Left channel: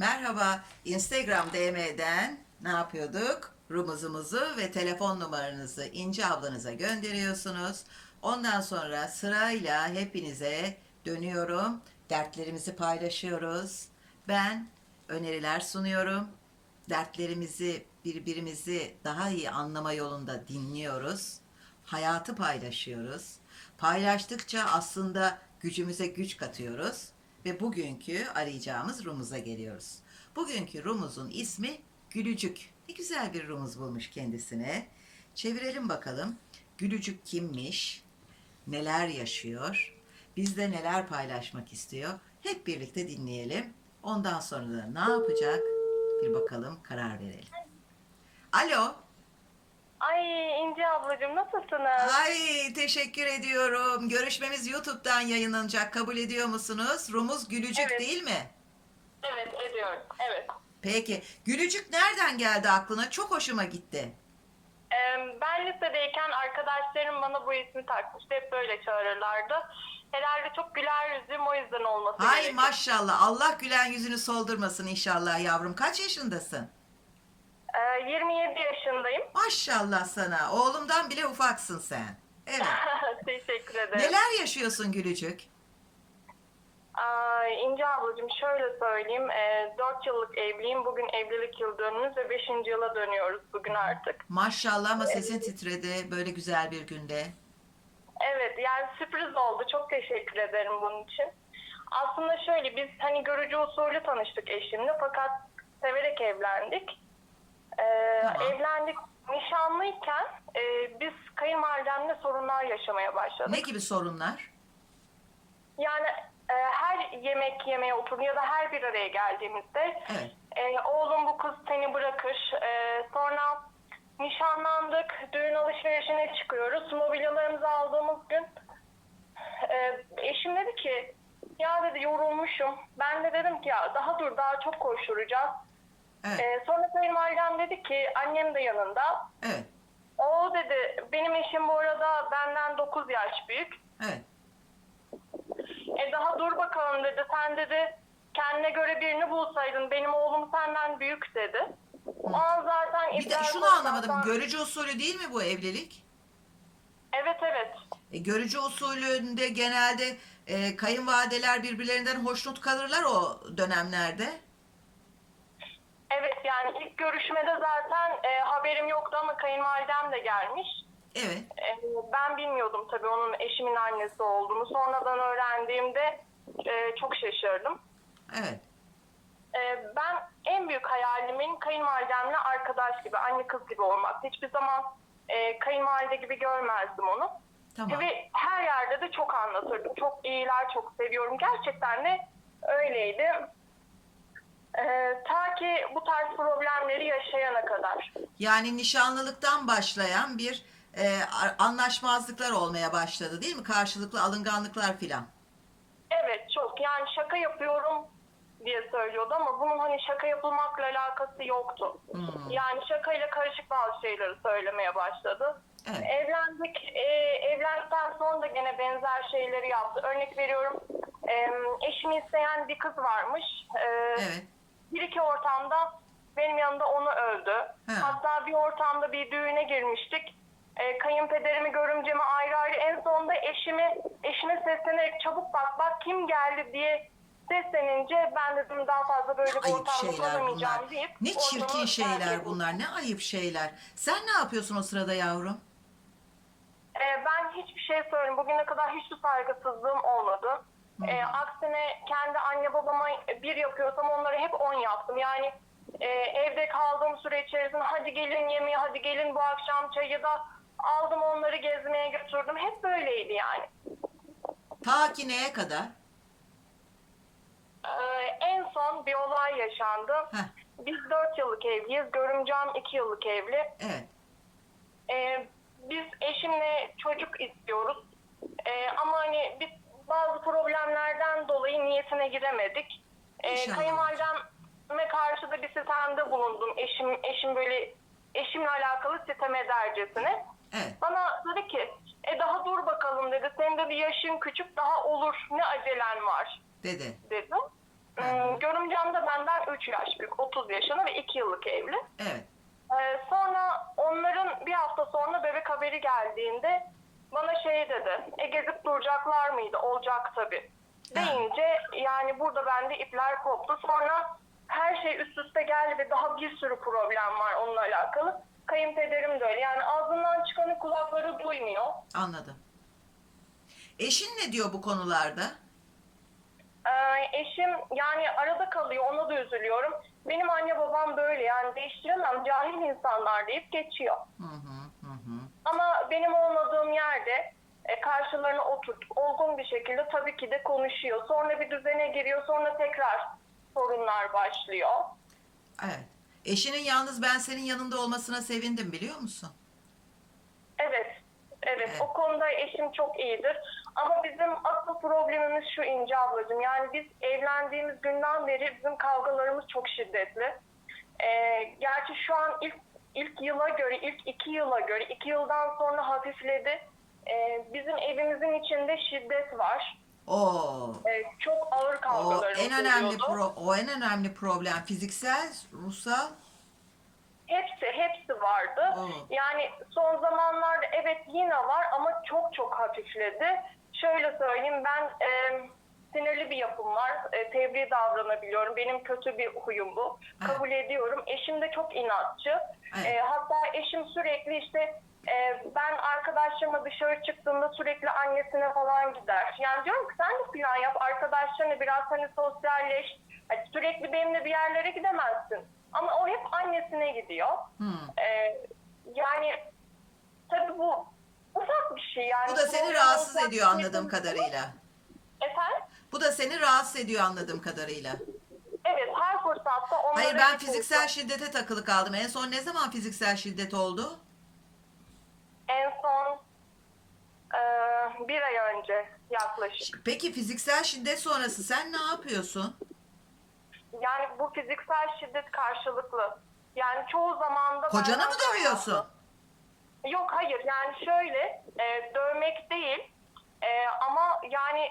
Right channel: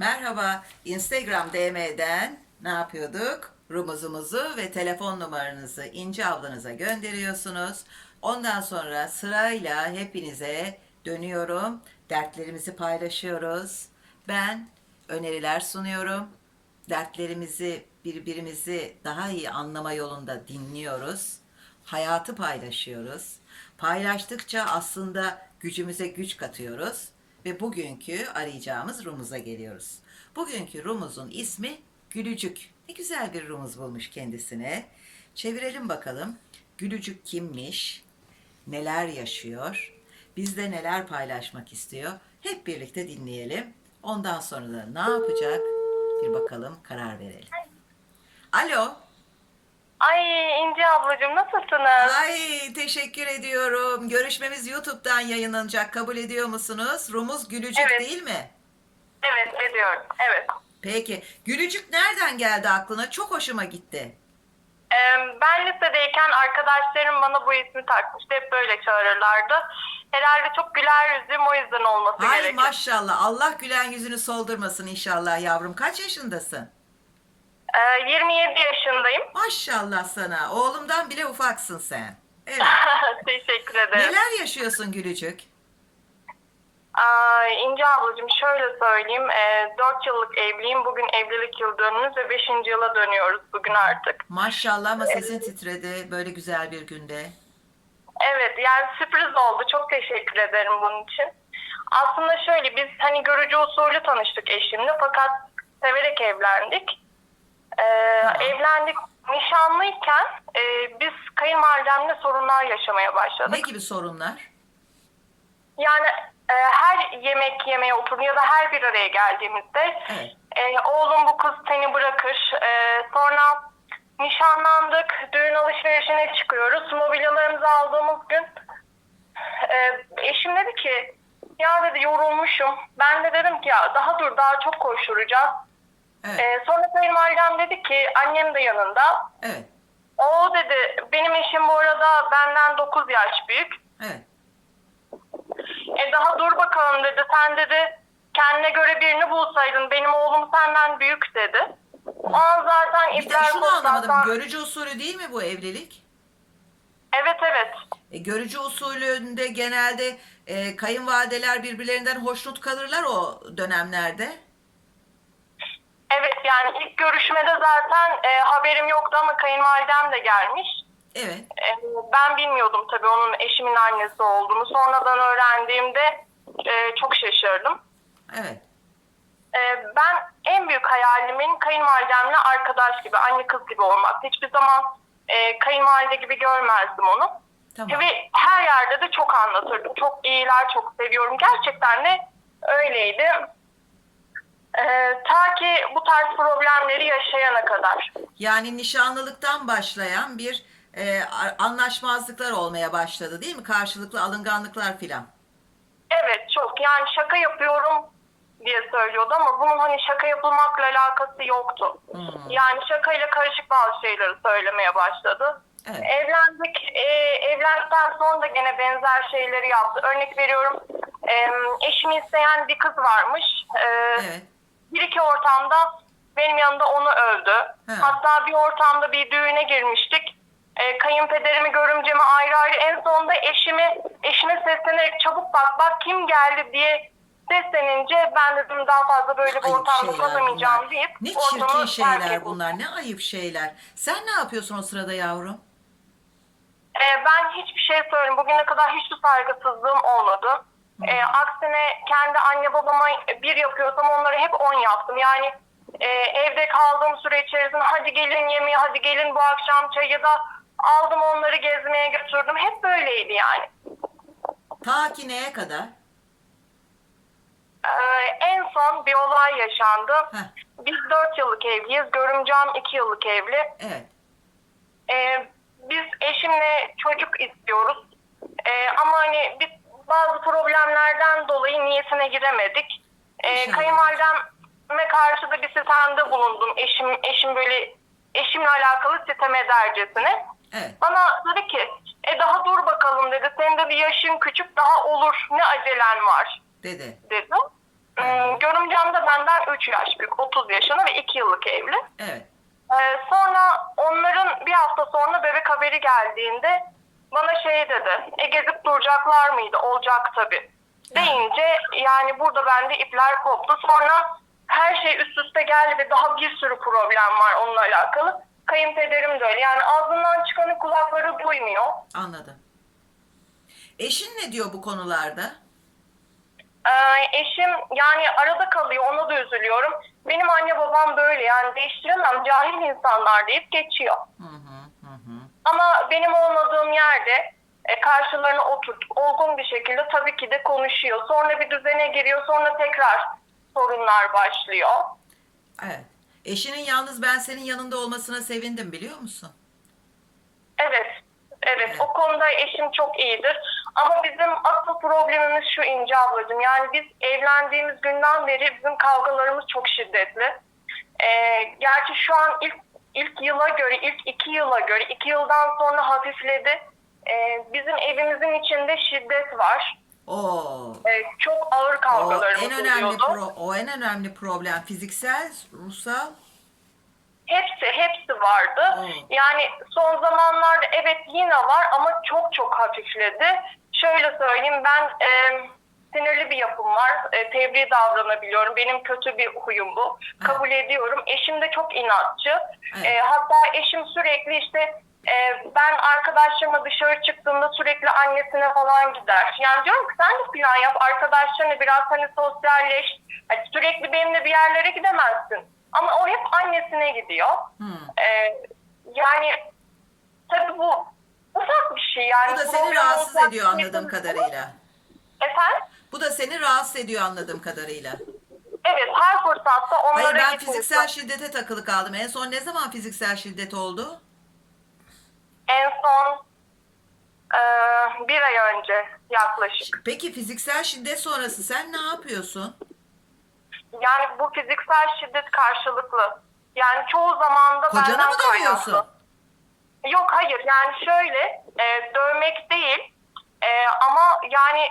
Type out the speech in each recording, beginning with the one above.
Merhaba, Instagram DM'den ne yapıyorduk? Rumuzumuzu ve telefon numaranızı İnci ablanıza gönderiyorsunuz. Ondan sonra sırayla hepinize dönüyorum. Dertlerimizi paylaşıyoruz. Ben öneriler sunuyorum. Dertlerimizi birbirimizi daha iyi anlama yolunda dinliyoruz. Hayatı paylaşıyoruz. Paylaştıkça aslında gücümüze güç katıyoruz ve bugünkü arayacağımız Rumuz'a geliyoruz. Bugünkü Rumuz'un ismi Gülücük. Ne güzel bir Rumuz bulmuş kendisine. Çevirelim bakalım. Gülücük kimmiş? Neler yaşıyor? Bizde neler paylaşmak istiyor? Hep birlikte dinleyelim. Ondan sonra da ne yapacak? Bir bakalım, karar verelim. Alo. Ay ablacığım nasılsınız? Ay teşekkür ediyorum. Görüşmemiz YouTube'dan yayınlanacak. Kabul ediyor musunuz? Rumuz Gülücük Evet. değil mi? Evet ediyorum. Evet. Peki. Gülücük nereden geldi aklına? Çok hoşuma gitti. Ee, ben lisedeyken arkadaşlarım bana bu ismi takmıştı. Hep böyle çağırırlardı. Herhalde çok güler yüzlüm o yüzden olması Hay gerekiyor. maşallah. Allah gülen yüzünü soldurmasın inşallah yavrum. Kaç yaşındasın? Ee, 27 yaşındayım. Maşallah sana. Oğlumdan bile ufaksın sen. Evet. Teşekkür ederim. Neler yaşıyorsun Gülücük? Ay, İnci ablacığım şöyle söyleyeyim. Ee, 4 yıllık evliyim. Bugün evlilik yıl dönümümüz ve 5. yıla dönüyoruz bugün artık. Maşallah ama sesin titredi böyle güzel bir günde. Evet yani sürpriz oldu. Çok teşekkür ederim bunun için. Aslında şöyle biz hani görücü usulü tanıştık eşimle fakat severek evlendik. Ee, Tamam. Evlendik nişanlıyken e, biz kayınvalidemle sorunlar yaşamaya başladık. Ne gibi sorunlar? Yani e, her yemek yemeye oturun ya da her bir araya geldiğimizde Evet. e, oğlum bu kız seni bırakır. E, sonra nişanlandık, düğün alışverişine çıkıyoruz. Mobilyalarımızı aldığımız gün e, eşim dedi ki ya dedi yorulmuşum. Ben de dedim ki ya daha dur daha çok koşturacağız. Evet. E, sonra kayınvalidem dedi ki annem de yanında. Evet. O dedi benim eşim bu arada benden 9 yaş büyük. Evet. E daha dur bakalım dedi. Sen dedi kendine göre birini bulsaydın. Benim oğlum senden büyük dedi. O an zaten Bir de şunu oldu. anlamadım. Görücü usulü değil mi bu evlilik? Evet evet. E, görücü usulünde genelde e, kayınvalideler birbirlerinden hoşnut kalırlar o dönemlerde. Yani ilk görüşmede zaten e, haberim yoktu ama kayınvalidem de gelmiş. Evet. E, ben bilmiyordum tabii onun eşimin annesi olduğunu. Sonradan öğrendiğimde e, çok şaşırdım. Evet. E, ben en büyük hayalimin kayınvalidemle arkadaş gibi, anne kız gibi olmak. Hiçbir zaman e, kayınvalide gibi görmezdim onu. Tamam. Ve her yerde de çok anlatırdım. Çok iyiler, çok seviyorum. Gerçekten de öyleydi. Ee, ta ki bu tarz problemleri yaşayana kadar. Yani nişanlılıktan başlayan bir e, anlaşmazlıklar olmaya başladı değil mi? Karşılıklı alınganlıklar filan. Evet çok yani şaka yapıyorum diye söylüyordu ama bunun hani şaka yapılmakla alakası yoktu. Hmm. Yani şakayla karışık bazı şeyleri söylemeye başladı. Evet. Evlendik. E, evlendikten sonra da gene benzer şeyleri yaptı. Örnek veriyorum. E, eşimi isteyen bir kız varmış. E, Evet. Bir iki ortamda benim yanımda onu övdü. He. Hatta bir ortamda bir düğüne girmiştik. E, kayınpederimi, görümcemi ayrı ayrı en sonunda eşimi eşime seslenerek çabuk bak bak kim geldi diye seslenince ben dedim daha fazla böyle bir Ayıp ortamda kalamayacağım deyip Ne çirkin şeyler bunlar. Ne ayıp şeyler. Sen ne yapıyorsun o sırada yavrum? E, ben hiçbir şey söyleyeyim. Bugüne kadar hiçbir saygısızlığım olmadı. E, aksine kendi anne babama bir yapıyorsam onları hep on yaptım. Yani e, evde kaldığım süre içerisinde hadi gelin yemeğe, hadi gelin bu akşam çay ya da aldım onları gezmeye götürdüm. Hep böyleydi yani. Ta ki neye kadar? E, en son bir olay yaşandı. Heh. Biz dört yıllık evliyiz. Görümcem iki yıllık evli. Evet. Ee, biz eşimle çocuk istiyoruz. Ee, ama hani biz bazı problemlerden dolayı niyetine giremedik. Ee, İnşallah. kayınvalideme karşı da bir sitemde bulundum. Eşim eşim böyle eşimle alakalı sitem edercesine. Evet. Bana dedi ki e daha dur bakalım dedi. Senin de bir yaşın küçük daha olur ne acelen var Dedi. dedi. Hmm, görümcem de benden 3 yaş büyük. 30 yaşında ve 2 yıllık evli. Evet. Ee, sonra onların bir hafta sonra bebek haberi geldiğinde bana şey dedi. E gezip duracaklar mıydı? Olacak tabii. Deyince yani burada bende ipler koptu. Sonra her şey üst üste geldi ve daha bir sürü problem var onunla alakalı. Kayınpederim de öyle. Yani ağzından çıkanı kulakları duymuyor. Anladım. Eşin ne diyor bu konularda? Ee, eşim yani arada kalıyor ona da üzülüyorum. Benim anne babam böyle yani değiştiremem cahil insanlar deyip geçiyor. Hı hı. Ama benim olmadığım yerde e, karşılarına oturt, olgun bir şekilde tabii ki de konuşuyor. Sonra bir düzene giriyor, sonra tekrar sorunlar başlıyor. Evet. Eşinin yalnız ben senin yanında olmasına sevindim biliyor musun? Evet, evet, Evet. o konuda eşim çok iyidir. Ama bizim asıl problemimiz şu İnce ablacığım. Yani biz evlendiğimiz günden beri bizim kavgalarımız çok şiddetli. Ee, gerçi şu an ilk ilk yıla göre, ilk iki yıla göre, iki yıldan sonra hafifledi. Ee, bizim evimizin içinde şiddet var. O Ee, çok ağır o kavgalarımız en önemli oluyordu. pro, o en önemli problem fiziksel, ruhsal. Hepsi, hepsi vardı. Oo. Yani son zamanlarda evet yine var ama çok çok hafifledi. Şöyle söyleyeyim ben e, sinirli bir yapım var. E, tebliğ davranabiliyorum. Benim kötü bir huyum bu. Kabul ediyorum. Eşim de çok inatçı. Evet. E, hatta eşim sürekli işte e, ben arkadaşlarımla dışarı çıktığımda sürekli annesine falan gider. Yani diyorum ki sen de plan yap. Arkadaşlarına biraz hani sosyalleş. Hani sürekli benimle bir yerlere gidemezsin. Ama o hep annesine gidiyor. Hı. Ee, yani tabii bu ufak bir şey yani. Bu da seni rahatsız ediyor anladığım durum. kadarıyla. Efendim? Bu da seni rahatsız ediyor anladığım kadarıyla. Evet her fırsatta onlara Hayır ben fiziksel şiddete takılı kaldım. En son ne zaman fiziksel şiddet oldu? En son e, bir ay önce yaklaşık. Peki fiziksel şiddet sonrası sen ne yapıyorsun? Yani bu fiziksel şiddet karşılıklı. Yani çoğu zamanda Kocana benden mı dövüyorsun? kaynaklı. Yok hayır yani şöyle e, dövmek değil e, ama yani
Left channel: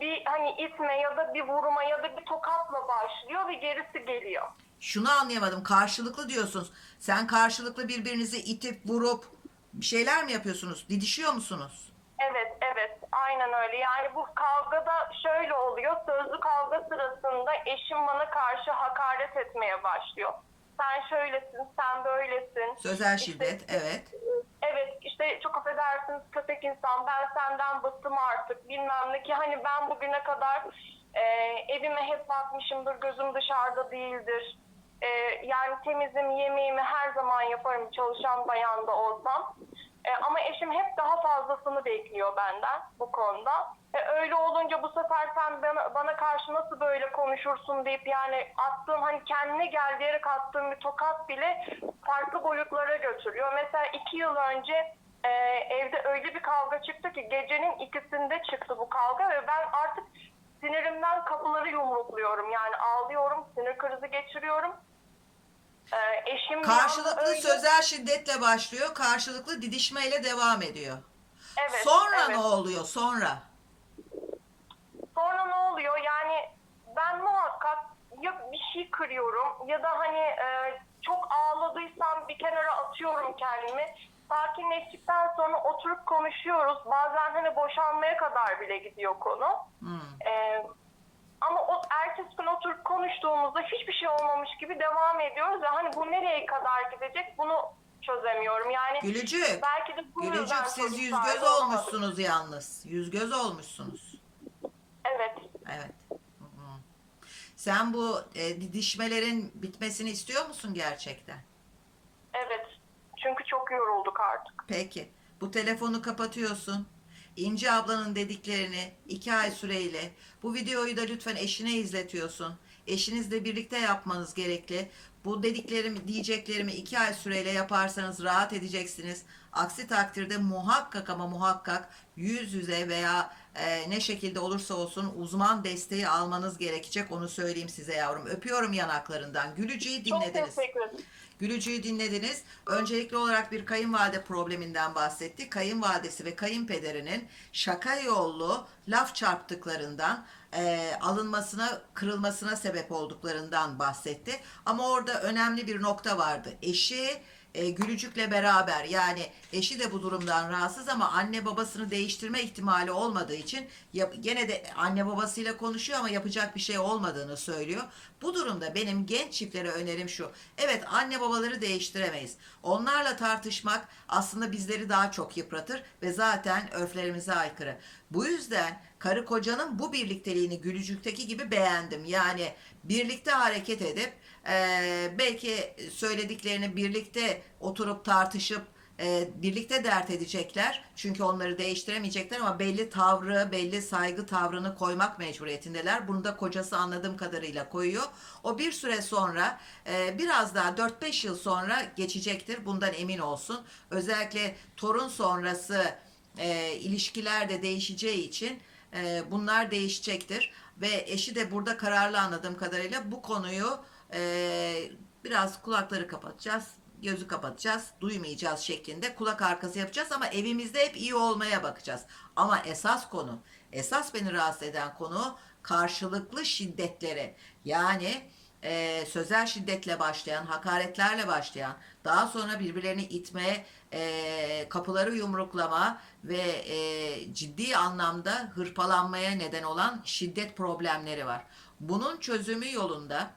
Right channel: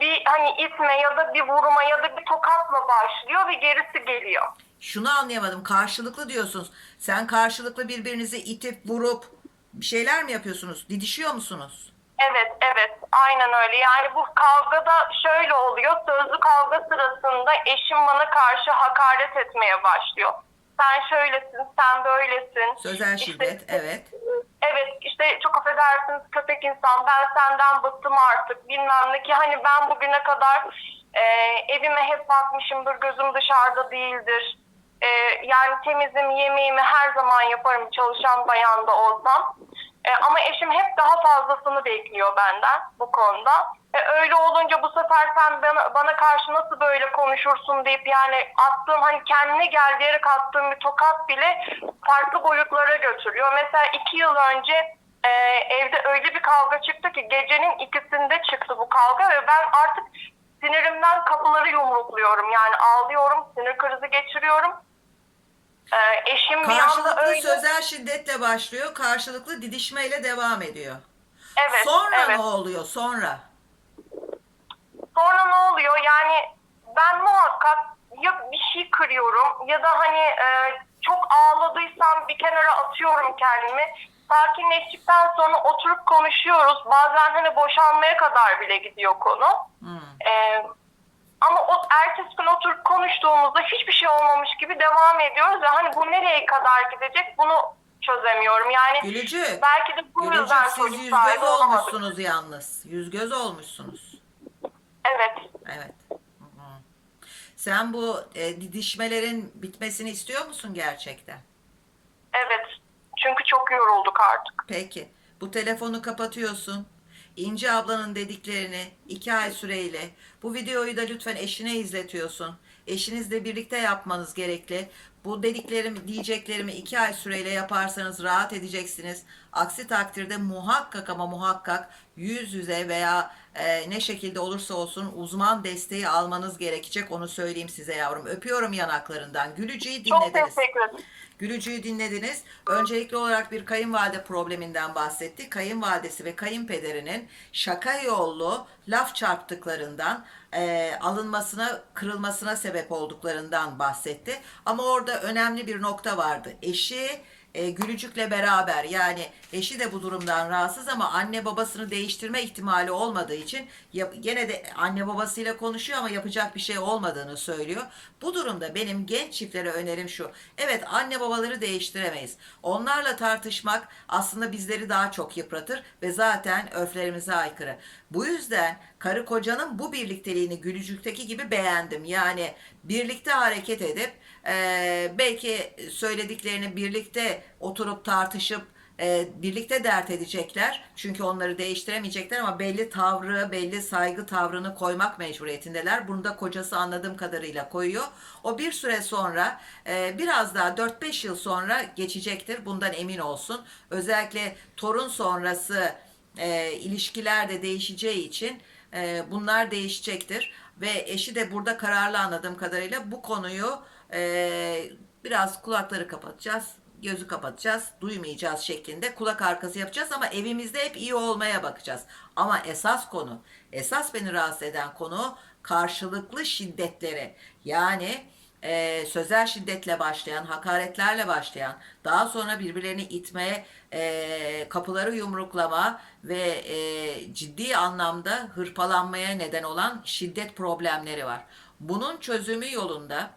bir hani itme ya da bir vurma ya da bir tokatla başlıyor ve gerisi geliyor. Şunu anlayamadım. Karşılıklı diyorsunuz. Sen karşılıklı birbirinizi itip vurup bir şeyler mi yapıyorsunuz? Didişiyor musunuz? Evet, evet. Aynen öyle. Yani bu kavgada şöyle oluyor. Sözlü kavga sırasında eşim bana karşı hakaret etmeye başlıyor. Sen şöylesin, sen böylesin. Sözel İşte- şiddet, evet. Evet, işte çok affedersiniz köpek insan, ben senden bıktım artık bilmem ne ki hani ben bugüne kadar e, evime hep bakmışımdır, gözüm dışarıda değildir. E, yani temizim, yemeğimi her zaman yaparım çalışan bayan da olsam. E, ama eşim hep daha fazlasını bekliyor benden bu konuda. E, öyle olunca bu sefer sen bana, bana karşı nasıl böyle konuşursun deyip yani attığım hani kendine gel diyerek attığım bir tokat bile farklı boyutlara götürüyor. Mesela iki yıl önce e, evde öyle bir kavga çıktı ki gecenin ikisinde çıktı bu kavga ve ben artık sinirimden kapıları yumrukluyorum. Yani ağlıyorum, sinir krizi geçiriyorum. E, eşim bir anda Karşılıklı öyle- sözel şiddetle başlıyor. Karşılıklı didişmeyle devam ediyor. Evet, Sonra evet. ne oluyor? Sonra. Sonra ne oluyor? Yani ben muhakkak ya bir şey kırıyorum ya da hani e, çok ağladıysam bir kenara atıyorum kendimi. Sakinleştikten sonra oturup konuşuyoruz. Bazen hani boşanmaya kadar bile gidiyor konu. Hmm. E, ama o ertesi gün oturup konuştuğumuzda hiçbir şey olmamış gibi devam ediyoruz ve hani bu nereye kadar gidecek bunu çözemiyorum. Yani Gülücük. belki de bu Gülücük yüzden siz yüz göz olamadık. olmuşsunuz yalnız. Yüz göz olmuşsunuz. Evet. Evet. Hı hı. Sen bu e, didişmelerin bitmesini istiyor musun gerçekten? Evet. Çünkü çok yorulduk artık. Peki. Bu telefonu kapatıyorsun. İnci ablanın dediklerini iki ay süreyle bu videoyu da lütfen eşine izletiyorsun. Eşinizle birlikte yapmanız gerekli. Bu dediklerimi, diyeceklerimi iki ay süreyle yaparsanız rahat edeceksiniz. Aksi takdirde muhakkak ama muhakkak yüz yüze veya e, ne şekilde olursa olsun uzman desteği almanız gerekecek. Onu söyleyeyim size yavrum. Öpüyorum yanaklarından. Gülücüğü Çok dinlediniz. teşekkür ederim. Gülücüğü dinlediniz. Öncelikli olarak bir kayınvalide probleminden bahsetti. Kayınvalidesi ve kayınpederinin şaka yollu laf çarptıklarından e, alınmasına, kırılmasına sebep olduklarından bahsetti. Ama orada önemli bir nokta vardı. Eşi e, Gülücük'le beraber yani eşi de bu durumdan rahatsız ama anne babasını değiştirme ihtimali olmadığı için yap- gene de anne babasıyla konuşuyor ama yapacak bir şey olmadığını söylüyor. Bu durumda benim genç çiftlere önerim şu. Evet anne babaları değiştiremeyiz. Onlarla tartışmak aslında bizleri daha çok yıpratır ve zaten örflerimize aykırı. Bu yüzden karı kocanın bu birlikteliğini Gülücük'teki gibi beğendim. Yani birlikte hareket edip eee, belki söylediklerini birlikte oturup tartışıp e, birlikte dert edecekler. Çünkü onları değiştiremeyecekler ama belli tavrı, belli saygı tavrını koymak mecburiyetindeler. Bunu da kocası anladığım kadarıyla koyuyor. O bir süre sonra e, biraz daha 4-5 yıl sonra geçecektir. Bundan emin olsun. Özellikle torun sonrası e, ilişkiler de değişeceği için e, bunlar değişecektir. Ve eşi de burada kararlı anladığım kadarıyla bu konuyu e, biraz kulakları kapatacağız gözü kapatacağız, duymayacağız şeklinde kulak arkası yapacağız ama evimizde hep iyi olmaya bakacağız. Ama esas konu, esas beni rahatsız eden konu karşılıklı şiddetlere. Yani e, sözel şiddetle başlayan, hakaretlerle başlayan, daha sonra birbirlerini itmeye, e, kapıları yumruklama ve e, ciddi anlamda hırpalanmaya neden olan şiddet problemleri var. Bunun çözümü yolunda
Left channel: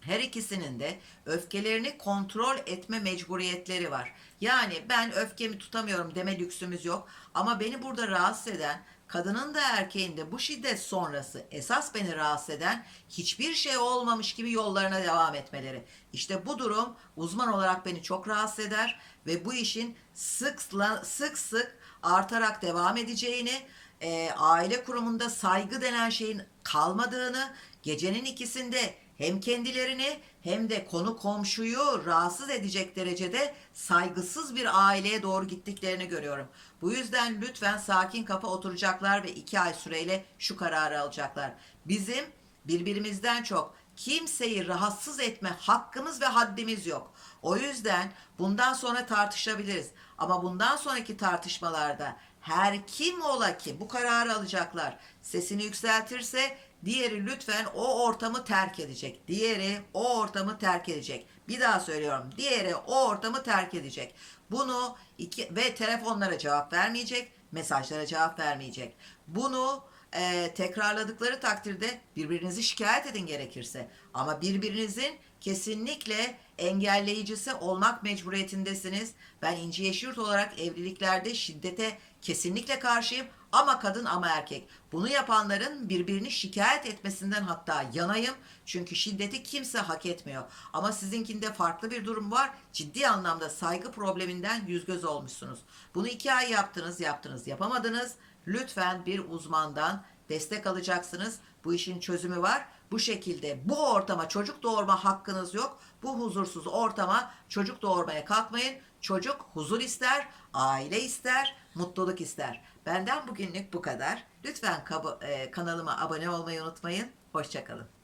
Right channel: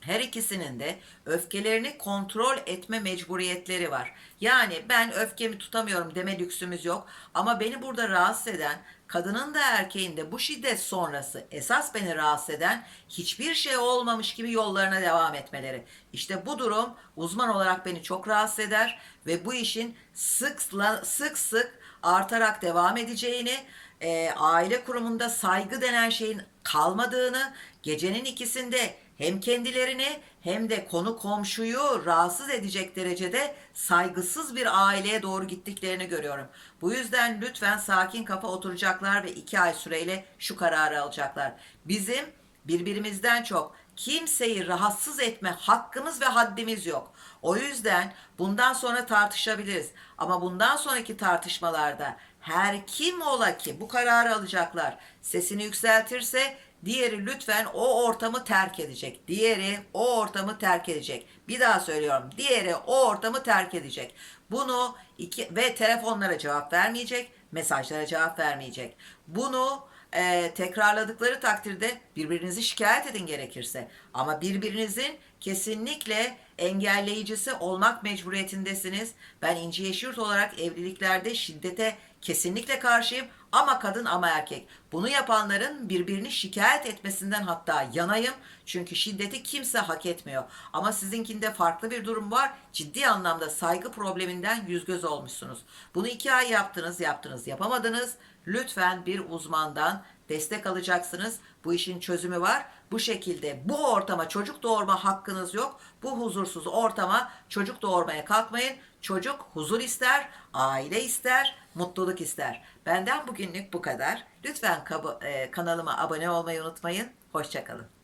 her ikisinin de öfkelerini kontrol etme mecburiyetleri var. Yani ben öfkemi tutamıyorum deme lüksümüz yok. Ama beni burada rahatsız eden kadının da erkeğin de bu şiddet sonrası esas beni rahatsız eden hiçbir şey olmamış gibi yollarına devam etmeleri. İşte bu durum uzman olarak beni çok rahatsız eder ve bu işin sık sık sık artarak devam edeceğini, e, aile kurumunda saygı denen şeyin kalmadığını, gecenin ikisinde hem kendilerini hem de konu komşuyu rahatsız edecek derecede saygısız bir aileye doğru gittiklerini görüyorum. Bu yüzden lütfen sakin kafa oturacaklar ve iki ay süreyle şu kararı alacaklar. Bizim birbirimizden çok kimseyi rahatsız etme hakkımız ve haddimiz yok. O yüzden bundan sonra tartışabiliriz. Ama bundan sonraki tartışmalarda her kim ola ki bu kararı alacaklar. Sesini yükseltirse Diğeri lütfen o ortamı terk edecek. Diğeri o ortamı terk edecek. Bir daha söylüyorum. Diğeri o ortamı terk edecek. Bunu iki ve telefonlara cevap vermeyecek, mesajlara cevap vermeyecek. Bunu e, tekrarladıkları takdirde birbirinizi şikayet edin gerekirse. Ama birbirinizin kesinlikle engelleyicisi olmak mecburiyetindesiniz. Ben İnci Yeşilyurt olarak evliliklerde şiddete kesinlikle karşıyım. Ama kadın ama erkek. Bunu yapanların birbirini şikayet etmesinden hatta yanayım. Çünkü şiddeti kimse hak etmiyor. Ama sizinkinde farklı bir durum var. Ciddi anlamda saygı probleminden yüz göz olmuşsunuz. Bunu iki ay yaptınız, yaptınız, yapamadınız. Lütfen bir uzmandan destek alacaksınız. Bu işin çözümü var. Bu şekilde bu ortama çocuk doğurma hakkınız yok. Bu huzursuz ortama çocuk doğurmaya kalkmayın. Çocuk huzur ister, aile ister, mutluluk ister. Benden bugünlük bu kadar. Lütfen e, kanalıma abone olmayı unutmayın. Hoşçakalın.